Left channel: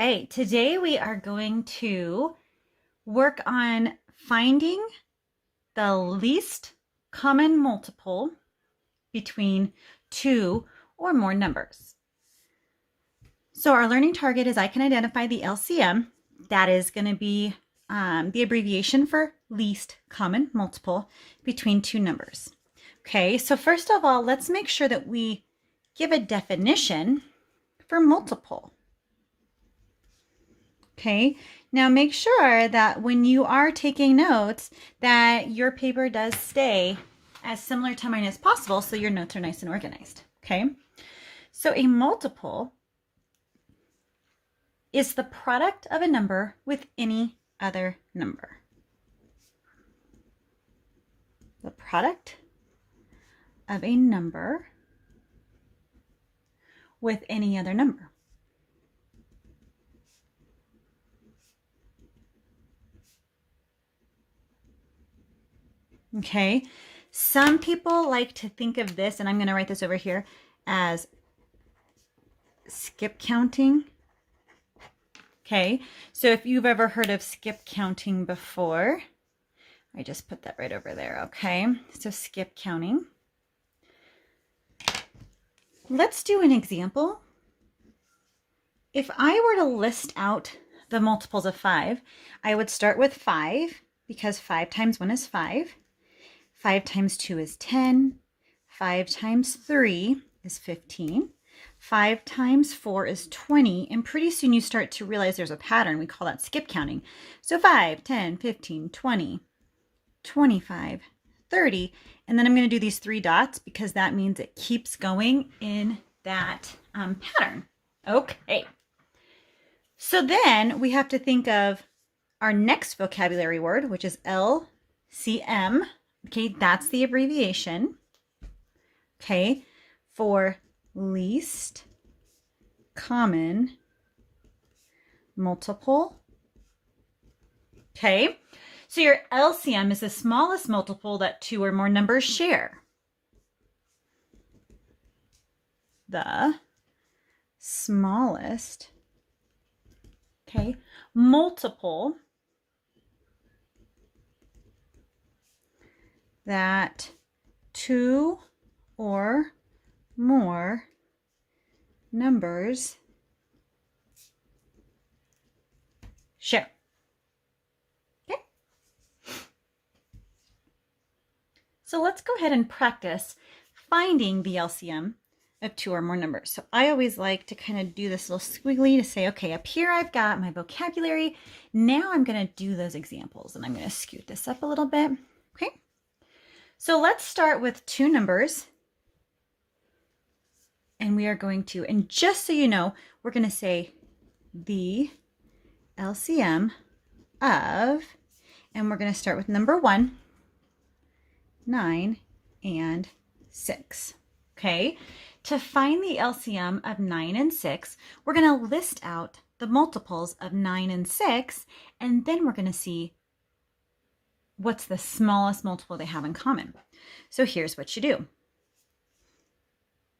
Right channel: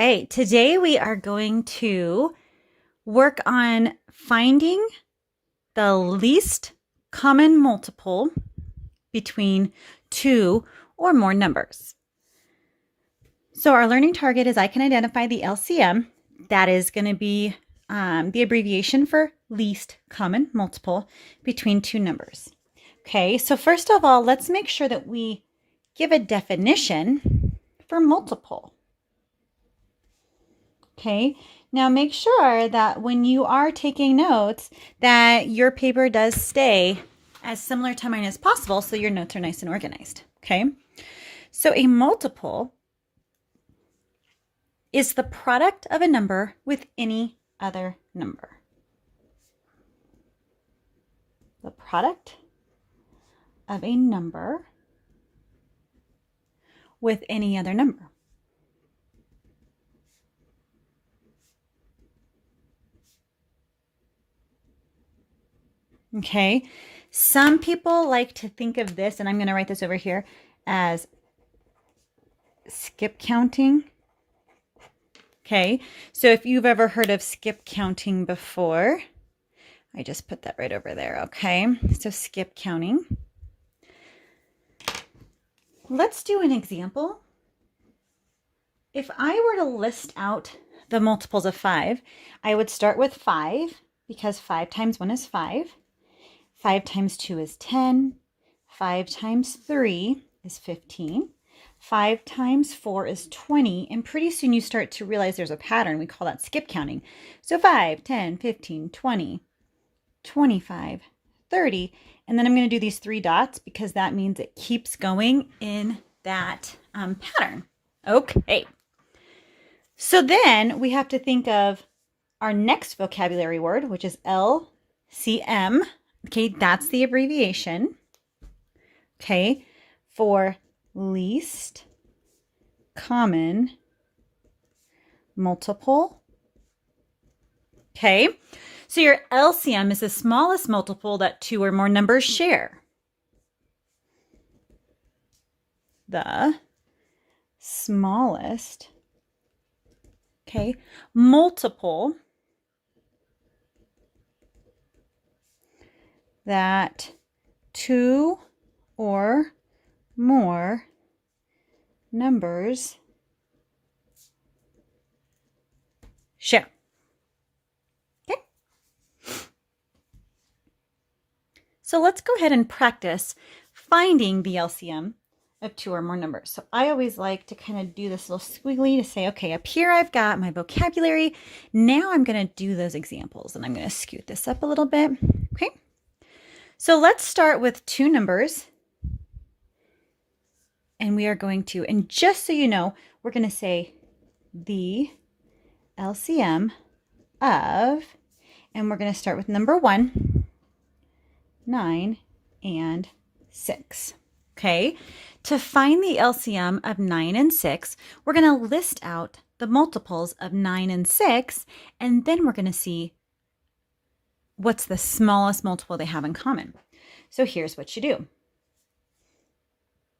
right, today we are going to work on finding the least common multiple between two or more numbers. So our learning target is I can identify the LCM. That is going to be the abbreviation for least common multiple between two numbers. Okay, so first of all, let's make sure that we give a definition for multiple. Okay, now make sure that when you are taking notes that your paper does stay as similar to mine as possible so your notes are nice and organized. Okay, so a multiple is the product of a number with any other number. The product of a number with any other number. Okay, some people like to think of this, and I'm going to write this over here, as skip counting. Okay, so if you've ever heard of skip counting before, I just put that right over there. Okay, so skip counting. Let's do an example. If I were to list out the multiples of 5, I would start with 5 because 5 times 1 is 5. 5 times 2 is 10. 5 times 3 is 15. 5 times 4 is 20. And pretty soon you start to realize there's a pattern. We call that skip counting. So 5, 10, 15, 20, 25, 30. And then I'm going to do these 3 dots because that means it keeps going in that pattern. Okay. So then we have to think of our next vocabulary word, which is LCM. Okay, that's the abbreviation. Okay, for least common multiple. Okay, so your LCM is the smallest multiple that 2 or more numbers share. The smallest, okay, multiple that 2 or more numbers share. Okay. So let's go ahead and practice finding the LCM of 2 or more numbers. So I always like to kind of do this little squiggly to say, okay, up here I've got my vocabulary. Now I'm going to do those examples, and I'm going to scoot this up a little bit. Okay. So let's start with 2 numbers, and we are going to, and just so you know, we're going to say the LCM of, and we're going to start with number 1, 9, and 6. Okay, to find the LCM of 9 and 6, we're going to list out the multiples of 9 and 6, and then we're going to see what's the smallest multiple they have in common. So here's what you do.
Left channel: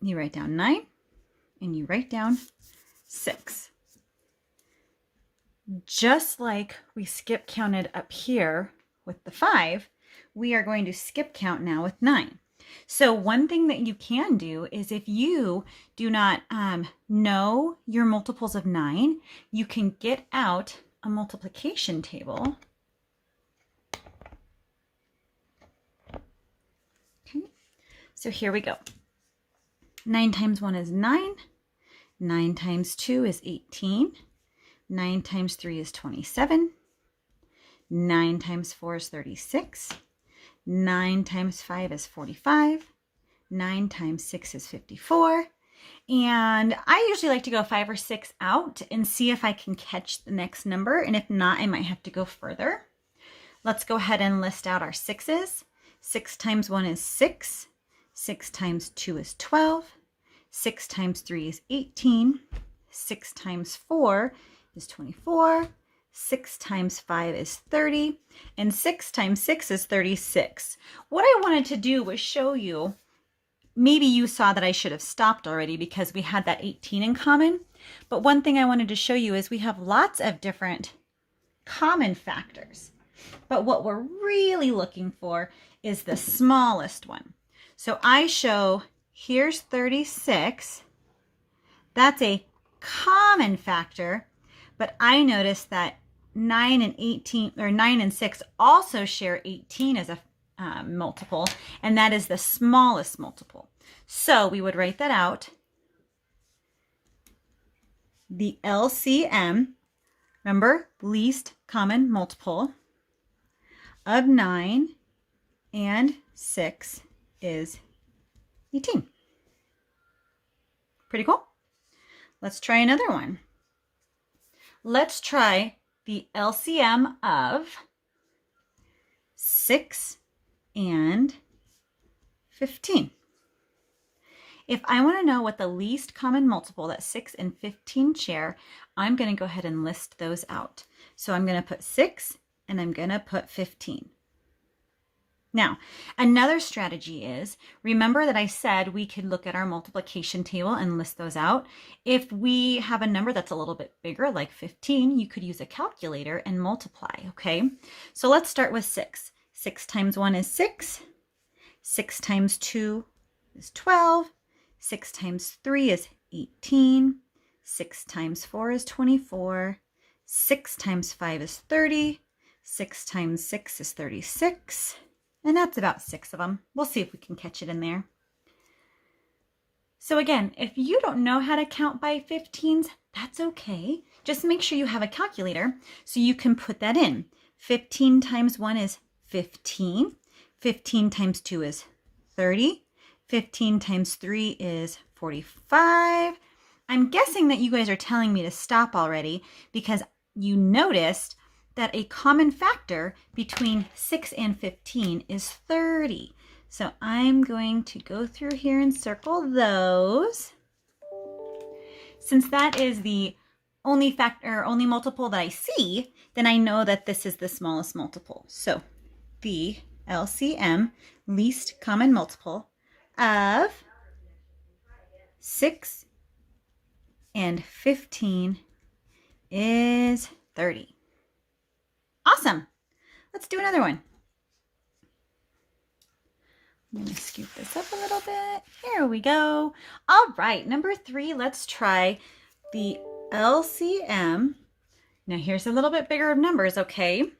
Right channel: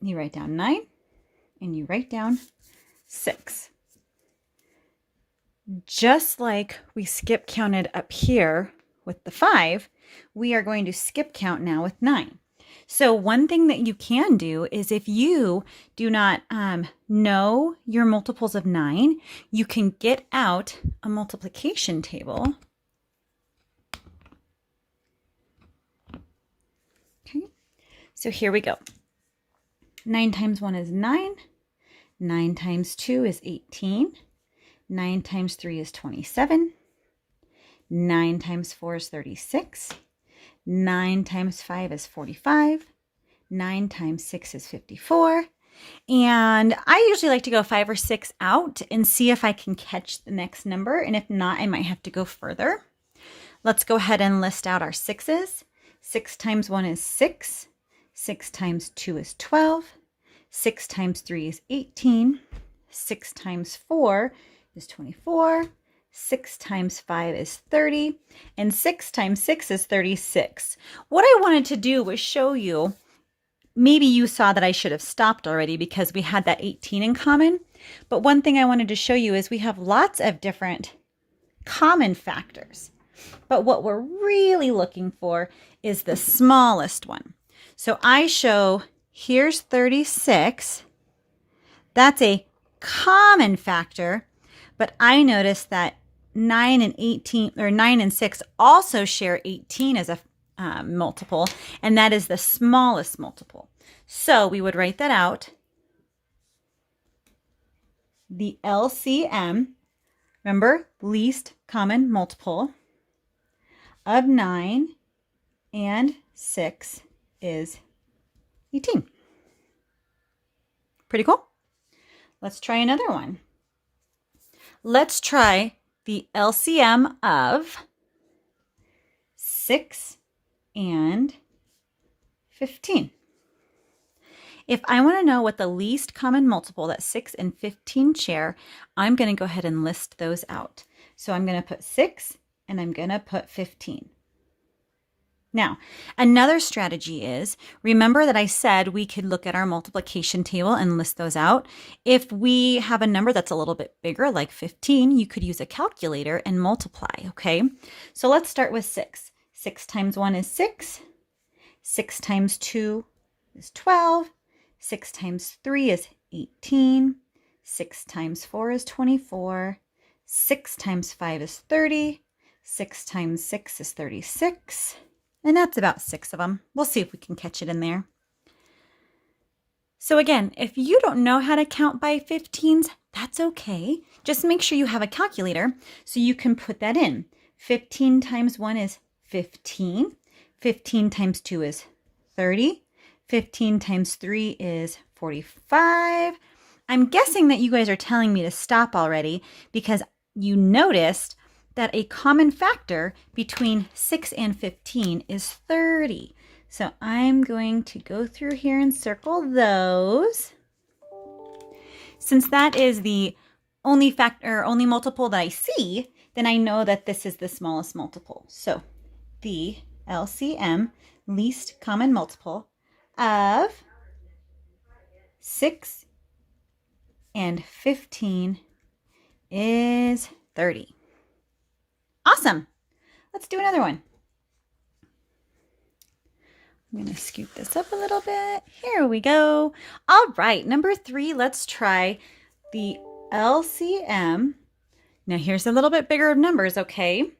You write down 9 and you write down 6. Just like we skip counted up here with the 5, we are going to skip count now with 9. So one thing that you can do is if you do not know your multiples of 9, you can get out a multiplication table. So here we go. 9 times 1 is 9. 9 times 2 is 18. 9 times 3 is 27. 9 times 4 is 36. 9 times 5 is 45. 9 times 6 is 54. And I usually like to go 5 or 6 out and see if I can catch the next number. And if not, I might have to go further. Let's go ahead and list out our 6's. 6 times 1 is 6. 6 times 2 is 12. 6 times 3 is 18. 6 times 4 is 24. 6 times 5 is 30. And 6 times 6 is 36. What I wanted to do was show you, maybe you saw that I should have stopped already because we had that 18 in common. But one thing I wanted to show you is we have lots of different common factors. But what we're really looking for is the smallest one. So I show, here's 36. That's a common factor, but I noticed that 9 and 18, or 9 and 6 also share 18 as a multiple, and that is the smallest multiple. So we would write that out. The LCM, remember, least common multiple of 9 and 6 is 18. Pretty cool. Let's try another one. Let's try the LCM of 6 and 15. If I want to know what the least common multiple that 6 and 15 share, I'm going to go ahead and list those out. So I'm going to put 6 and I'm going to put 15. Now, another strategy is, remember that I said we could look at our multiplication table and list those out. If we have a number that's a little bit bigger, like 15, you could use a calculator and multiply, okay? So let's start with 6. 6 times 1 is 6. 6 times 2 is 12. 6 times 3 is 18. 6 times 4 is 24. 6 times 5 is 30. 6 times 6 is 36. And that's about 6 of them. We'll see if we can catch it in there. So again, if you don't know how to count by 15s, that's okay. Just make sure you have a calculator so you can put that in. 15 times 1 is 15. 15 times 2 is 30. 15 times 3 is 45. I'm guessing that you guys are telling me to stop already because you noticed that a common factor between 6 and 15 is 30. So I'm going to go through here and circle those. Since that is the only factor, only multiple that I see, then I know that this is the smallest multiple. So the LCM, least common multiple, of 6 and 15 is 30. Awesome. Let's do another one. I'm going to scoop this up a little bit. Here we go. All right, number 3, let's try the LCM. Now here's a little bit bigger of numbers, okay?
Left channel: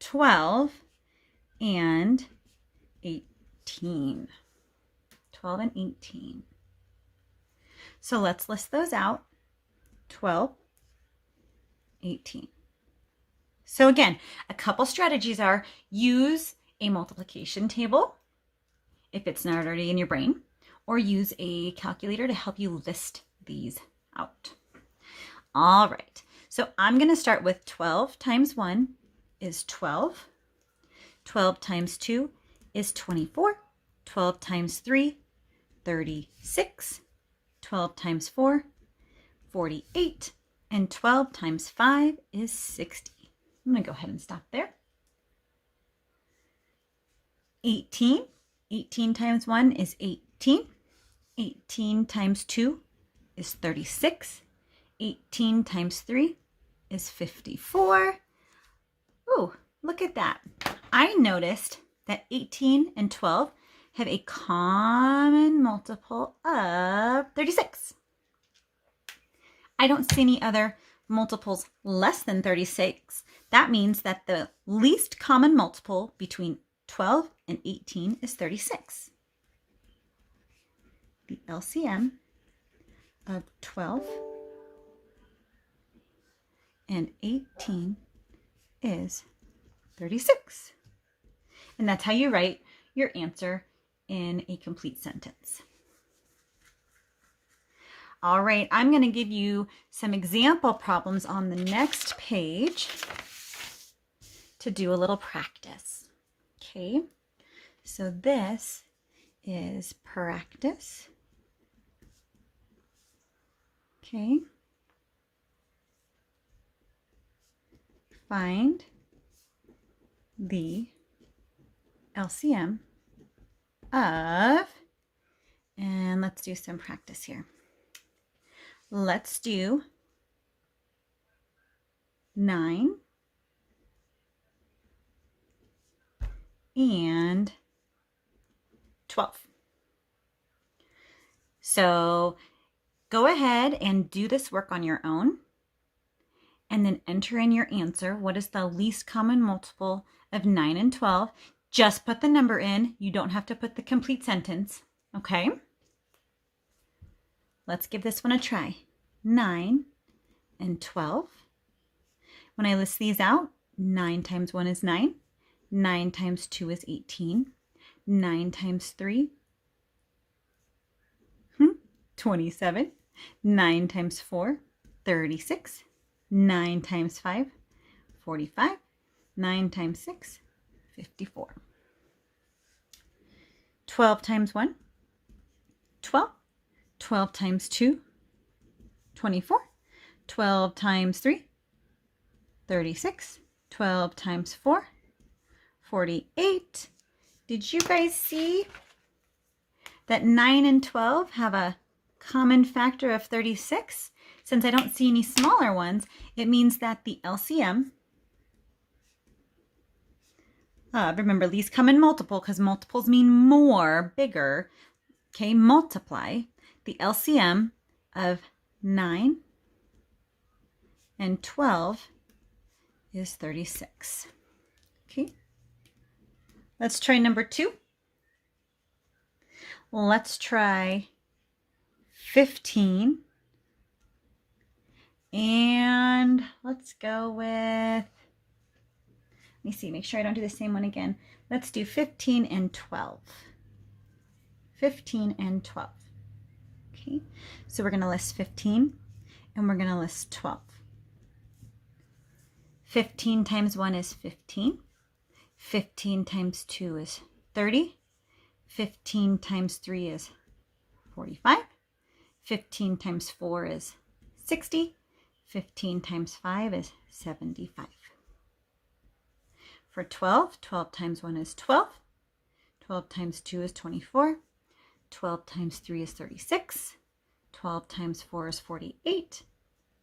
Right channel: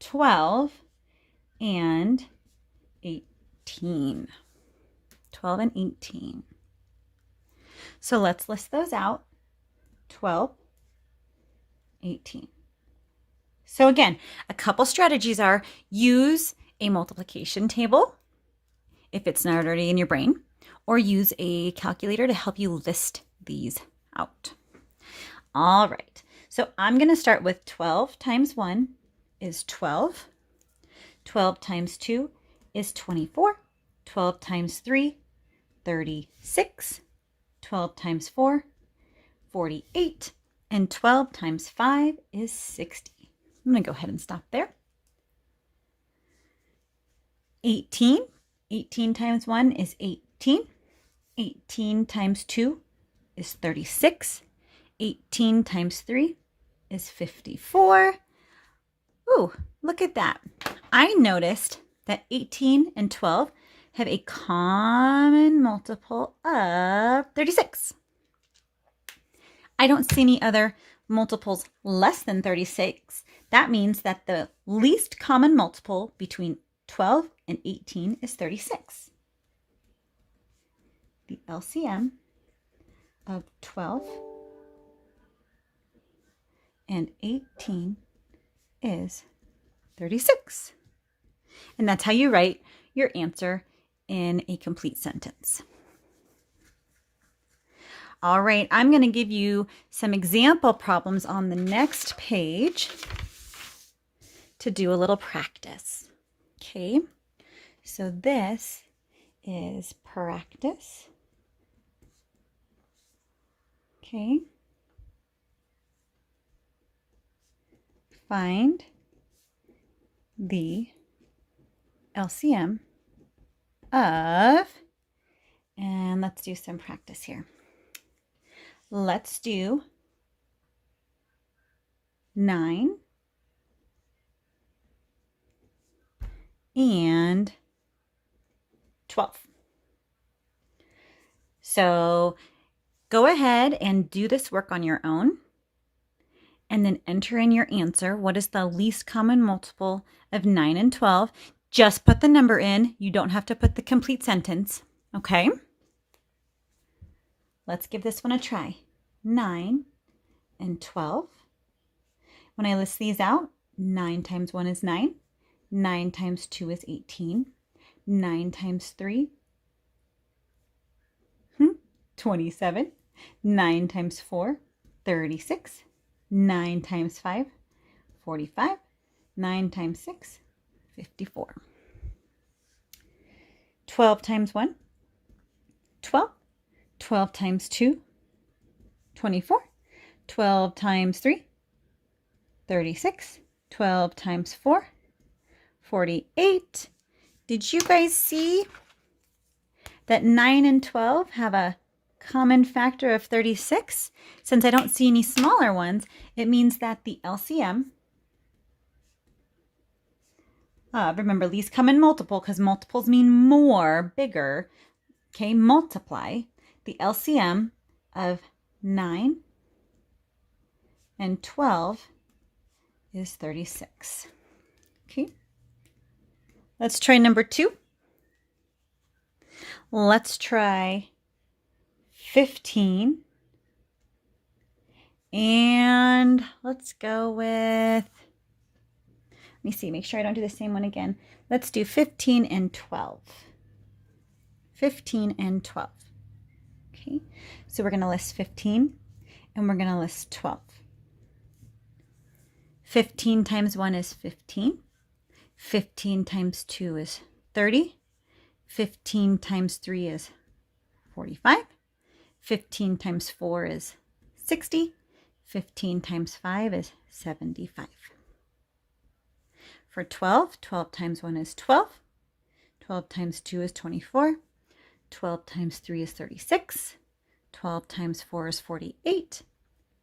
12 and 18. 12 and 18. So let's list those out. 12, 18. So again, a couple strategies are use a multiplication table if it's not already in your brain, or use a calculator to help you list these out. All right, so I'm going to start with 12 times 1 is 12. 12 times 2 is 24. 12 times 3, 36. 12 times 4, 48. And 12 times 5 is 60. I'm going to go ahead and stop there. 18. 18 times 1 is 18. 18 times 2 is 36. 18 times 3 is 54. Ooh, look at that. I noticed that 18 and 12 have a common multiple of 36. I don't see any other multiples less than 36. That means that the least common multiple between 12 and 18 is 36. The LCM of 12 and 18 is 36. And that's how you write your answer in a complete sentence. All right, I'm going to give you some example problems on the next page to do a little practice. Okay, so this is practice. Okay. Find the LCM of, and let's do some practice here. let's do 9 and 12. So go ahead and do this work on your own and then enter in your answer. What is the least common multiple of 9 and 12? Just put the number in. You don't have to put the complete sentence, okay? Let's give this one a try. 9 and 12. When I list these out, 9 times 1 is 9. 9 times 2 is 18. 9 times 3, 27. 9 times 4, 36. 9 times 5, 45. 9 times 6, 54. 12 times 1, 12. 12 times 2, 24. 12 times 3, 36. 12 times 4, 48. Did you guys see that 9 and 12 have a common factor of 36? Since I don't see any smaller ones, it means that the LCM, remember least common multiple, because multiples mean more, bigger, okay, multiply. The LCM of 9 and 12 is 36. Okay, let's try number 2. Let's try 15. And let's go with, let me see, make sure I don't do the same one again. Let's do 15 and 12. 15 and 12. Okay, so we're going to list 15 and we're going to list 12. 15 times 1 is 15. 15 times 2 is 30. 15 times 3 is 45. 15 times 4 is 60. 15 times 5 is 75. For 12, 12 times 1 is 12. 12 times 2 is 24. 12 times 3 is 36. 12 times 4 is 48.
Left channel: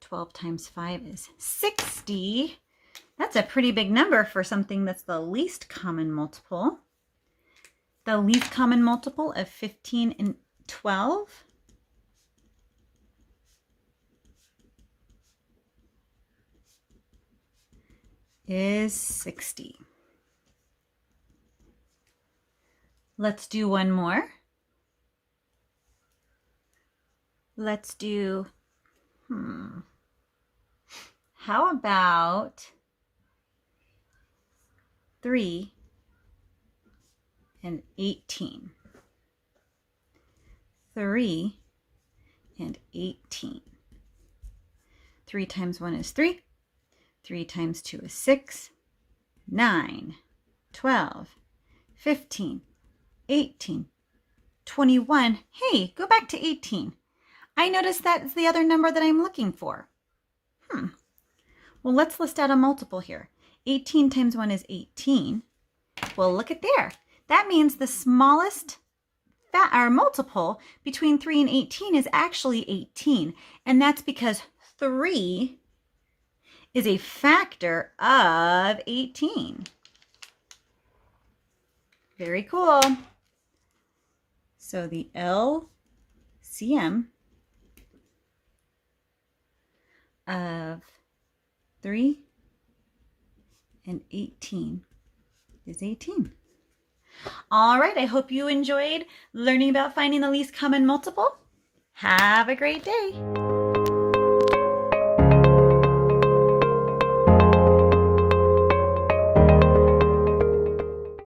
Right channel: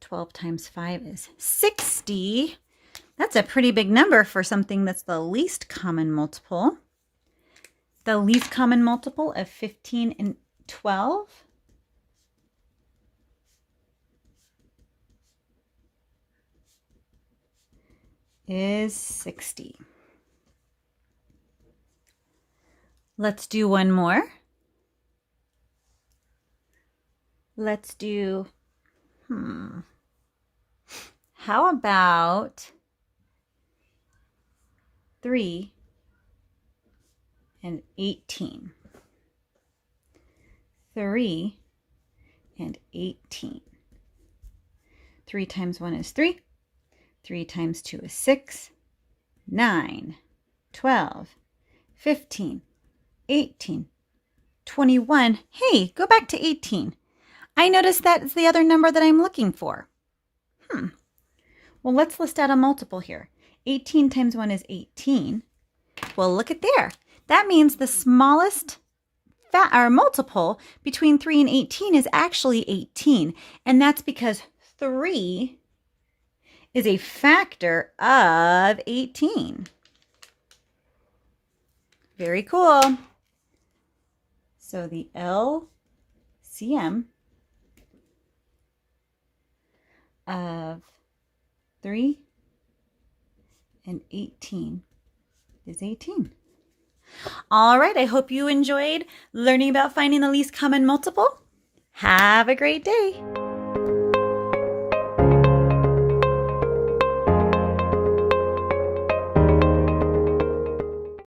12 times 5 is 60. That's a pretty big number for something that's the least common multiple. The least common multiple of 15 and 12 is 60. Let's do one more. Let's do, how about 3 and 18? 3 and 18. 3 times 1 is 3. 3 times 2 is 6. 9, 12, 15, 18, 21. Hey, go back to 18. I noticed that's the other number that I'm looking for. Well, let's list out a multiple here. 18 times 1 is 18. Well, look at there. That means the smallest multiple between 3 and 18 is actually 18. And that's because 3 is a factor of 18. Very cool. So the LCM of 3 and 18 is 18. All right, I hope you enjoyed learning about finding the least common multiple. Have a great day.